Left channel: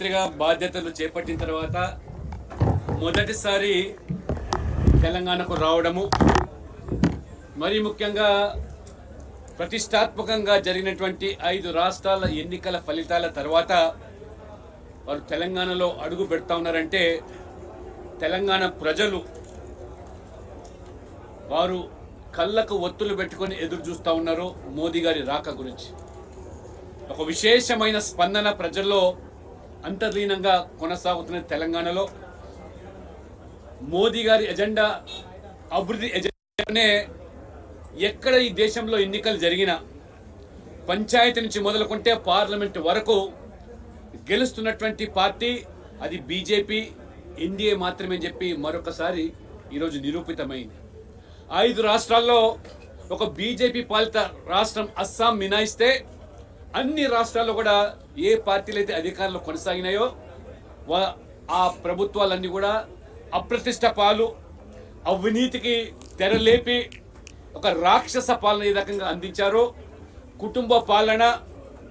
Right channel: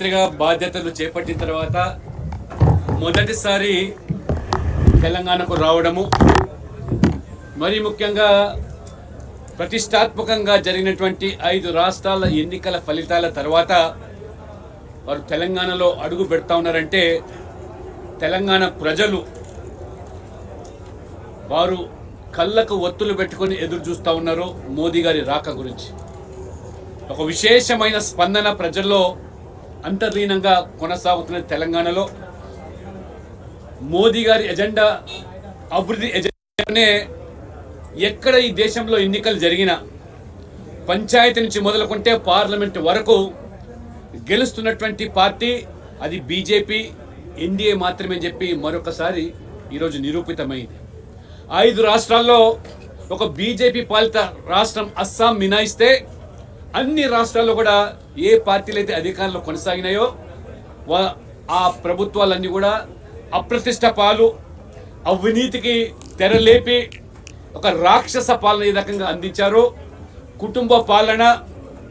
ముఖ్యమంత్రిగా బాధ్యతలు చేపట్టిన తర్వాత మొదటిసారి తెలంగాణకు రావడము, మరి ముఖ్యంగా ప్రతిష్టాత్మకంగా జరిగినటువంటి 5 రాష్ట్రాల ఎన్నికల ఫలితాల తర్వాత వారు తెలంగాణలో అడుగు పెడతా ఉన్నారంటే తెలంగాణ ప్రజలు వారు కళ్ళకు ఒత్తులు పెట్టుకొని ఎదురు చూస్తూ ఉన్నారు మోదీ గారి రాక గురించి. ఒక విశేషమైన స్పందన ప్రజల్లో అంతర్లీనంగా కొనసాగుతున్న తెలంగాణలో మోదీ గారి ఎజెండా అభివృద్ధి ఎజెండానే ఎక్కడ ఈ దేశంలో ఎన్నికలు జరిగినా పంచాయతీ నుంచి మొదలుకుంటే పార్లమెంట్ వరకు గెలుస్తున్నటువంటి పార్టీ అది బీజేపీ, ఎన్డీఏ మాత్రమే చెప్పి మరొకసారి ఈరోజు నిరూపితమైంది. 5 రాష్ట్రాల్లో ఒక బీజేపీ పాలిత రాష్ట్రం అస్సాం మినాయిస్తే అన్ని రాష్ట్రాల్లో కూడా ఏ పార్టీలు అయితే అధికారంలో కొనసాగినాయో ఆ ప్రభుత్వాలన్నీ కూడా అప్రతిష్ట పాలు, అవినీతికి తెరలేపి ఒక రాక్షస పాలన ఏ రకంగా అందించారో, కుటుంబ పాలన,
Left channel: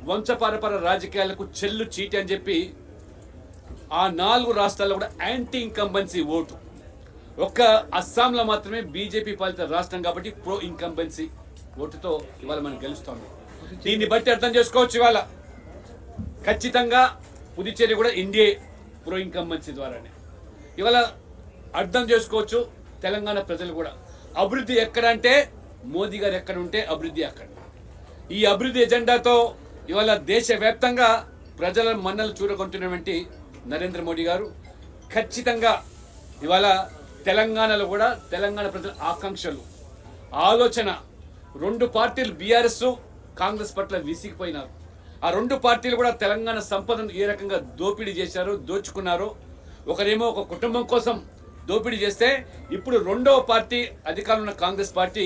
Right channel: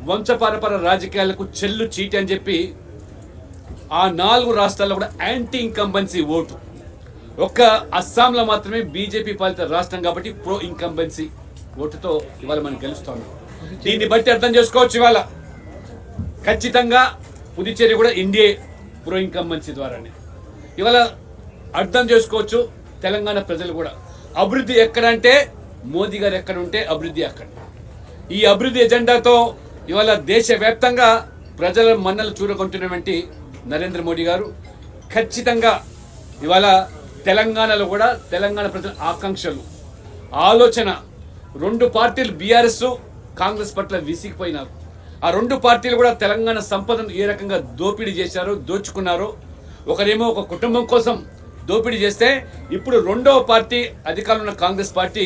వంశపారపర రాజకీయాలకు చెల్లు చీటి అని చెప్పి ఆ 4 రాష్ట్రాల్లో కూడా యాంటీ ఇన్కంబెన్సీ ఓటు. ఒక్క అస్సాంలో మాత్రమే బీజేపీ పాలిత రాష్ట్రం కాబట్టి ప్రో ఇన్కంబెన్సీ ఓటుతో ఇవాళ మనం గెలుస్తాం. దీన్ని బట్టి అర్థం చేసుకోవచ్చు ఇవాళ ఖచ్చితంగా పుదుచ్చేరి కూడా ఎన్డీఏ ప్రో ఇన్కంబెన్సీ ద్వారానే. ఇవాళ అర్థం చేసుకోవచ్చు తెలంగాణ ప్రజలు కూడా అభివృద్ధి ఎక్కడంటే మోదీ గారు ఎక్కడ ఉంటే అభివృద్ధి అక్కడ. ఈ అభివృద్ధి ఎజెండాతో ఇవాళ దేశవ్యాప్తంగా ప్రజల మన్నలు చూరగొంటున్నటువంటి నరేంద్ర మోడీ గారు ఖచ్చితంగా ఇవాళ తెలంగాణలో కూడా తెలంగాణ ప్రజల ఆకాంక్షలు, ఆలోచన, 2 పార్టీలు బీఆర్ఎస్, కాంగ్రెస్ పట్ల విసిగిపోయినారు. ఆ 2 పార్టీలు కూడా తెలంగాణ సంపదను ఏ రకంగా దోపిడీ చేశారో, దోచుకున్నారో, ఒకరేమో ఒక కుటుంబం కోసం దోపిడీ చేస్తే ఇప్పుడు 2వ పార్టీ అధికారంలో ఉన్న కాంగ్రెస్ పార్టీ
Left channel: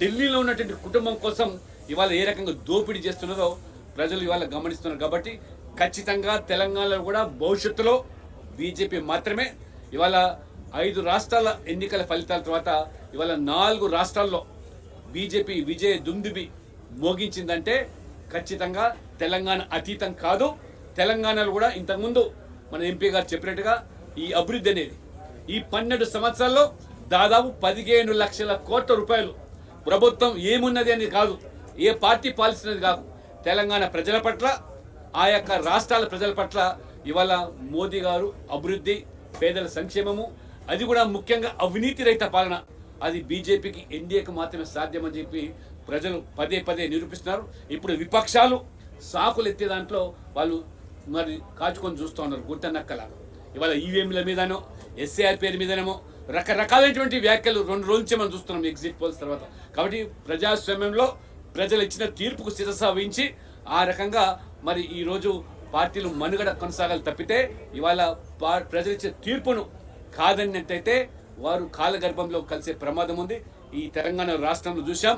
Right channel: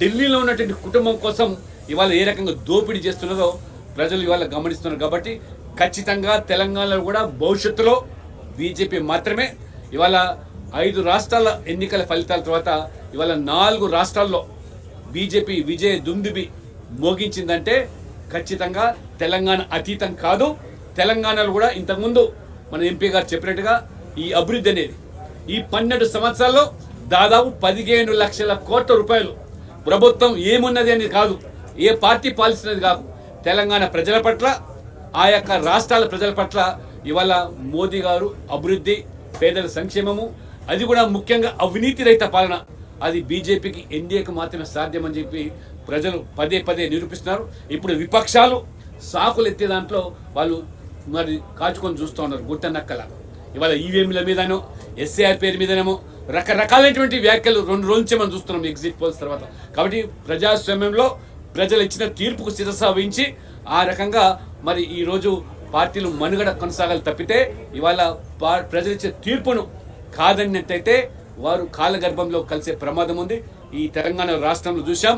ఢిల్లీలో ఉన్నటువంటి కుటుంబం కోసం ఇవాళ ఏ రకంగా దోపిడీ చేస్తున్నదో ప్రజలు ఇవాళ గమనిస్తున్నారు. కాబట్టి ఖచ్చితంగా తెలంగాణలో కూడా భవిష్యత్తులో బీజేపీ మాత్రమే. ఇవాళ 5 రాష్ట్రాల ఎన్నికల ఫలితాల తర్వాత ఇవాళ 4 రాష్ట్రాల్లో బీజేపీ విజయ దుందుబి మోగించిందంటే ఖచ్చితంగా తెలంగాణ అతీతం కాదు. తెలంగాణలో కూడా ఇంతకుముందు మన ఎంపీ గారు చెప్పినట్టుగా ఈ అభివృద్ధి అనేది ఈ 12 సంవత్సరాల్లో దాదాపు 15 లక్షల కోట్ల రూపాయలు ప్రభుత్వం ఏమున్నది అని కాదు, ఏ పార్టీ పాలిస్తున్నది కాదు, తెలంగాణ ప్రజల పట్ల, ఆ యొక్క రాష్ట్రాల ప్రజల పట్ల ఇవాళ మోదీ గారు అభివృద్ధి, పేదల సంక్షేమము, అది కూడా ముఖ్యంగా అవినీతి రహిత పాలన, అది బీజేపీకి, ఎన్డీఏకి మాత్రమే సాధ్యమని చెప్పి ప్రజలు పదే పదే నిరూపిస్తున్నారు. ఇప్పుడు విపక్షాలు సాకులు ఎత్తే దాంట్లో వాళ్ళు మరి కాచుకొని చూస్తూ ఉన్నారు గుట్టనక్కల. ఇవాళ ఈవీఎంల మీదనో, ఎస్ఏఆర్ పేరు మీదనేమో రకరకాలైనటువంటి వ్యాఖ్యలు 2 రోజుల నుంచి మనం చూస్తున్నాం ఎగ్జిట్ పోల్స్ తర్వాత. కాబట్టి ప్రజాస్వామ్యంలో ప్రజలు ఇచ్చిన తీర్పుకు శిరస వహించి ఆ రకంగా మరి ఈరోజు పార్టీలు మనుగడ కొనసాగాలి తప్పితే ఇవాళ ప్రజలు ఇచ్చే తీర్పును కాదన్నట్టయితే వారు కాలగర్భంలో కలిసే ప్రమాదం ఉంది. ఈ తెలంగాణ రాష్ట్రంలో చూసాం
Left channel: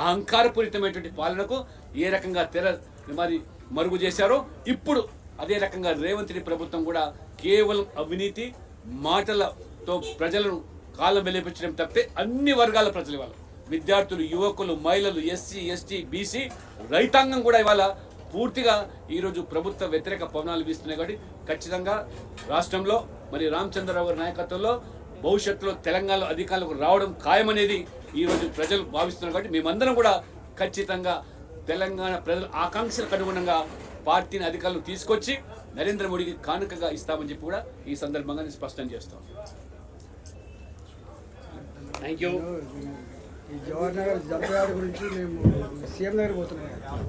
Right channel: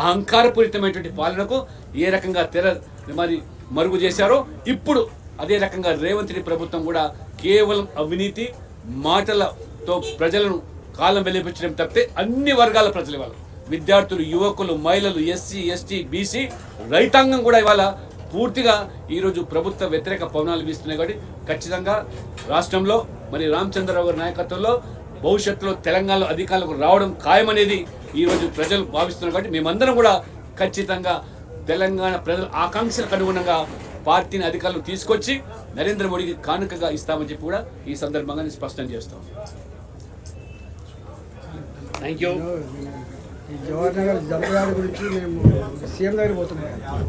అహంకారపూరితమైనటువంటి పాలనకు ఏ రకంగా మరి మరుగు చేశారో, ఇప్పుడు అదే రకంగా రేవంత్ రెడ్డి ప్రభుత్వం కూడా కేవలం అవినీతి మాటలతో ప్రజలను కాలం వెలిపించడం తప్పితే అన్ని వర్గాల ప్రజలు ఇవాళ విద్యార్థులు, యువకులు, మహిళలు, ఎస్సీ, ఎస్టీ, బీసీ, రైతాంగం కూడా ఇవాళ పూర్తిగా ఈరోజు ప్రభుత్వ వ్యతిరేక పవనాలు వీస్తున్నాయి. కాబట్టి ఖచ్చితంగా రాష్ట్రంలో మరి రామచంద్రరావు గారి నాయకత్వంలో భవిష్యత్తులో తెలంగాణలో అధికారులకు రావడం ఖాయమనేది ఈరోజు ప్రజలు భావిస్తున్నారు. కాబట్టి మేమందరం కూడా ఖచ్చితంగా తెలంగాణ ప్రజల ఆకాంక్షలకు అనుగుణంగా పార్టీని అధికారులు తీసుకొచ్చి నరేంద్ర మోడీకి కానుకగా ఇస్తామని చెప్పి కూడా ఈ సందర్భంగా నేను స్పష్టం చేస్తాం. Thank you. జవహర్ నగర్ జంపయార్డ్ గురించి మేము సీఎం దగ్గర పోతున్నాం.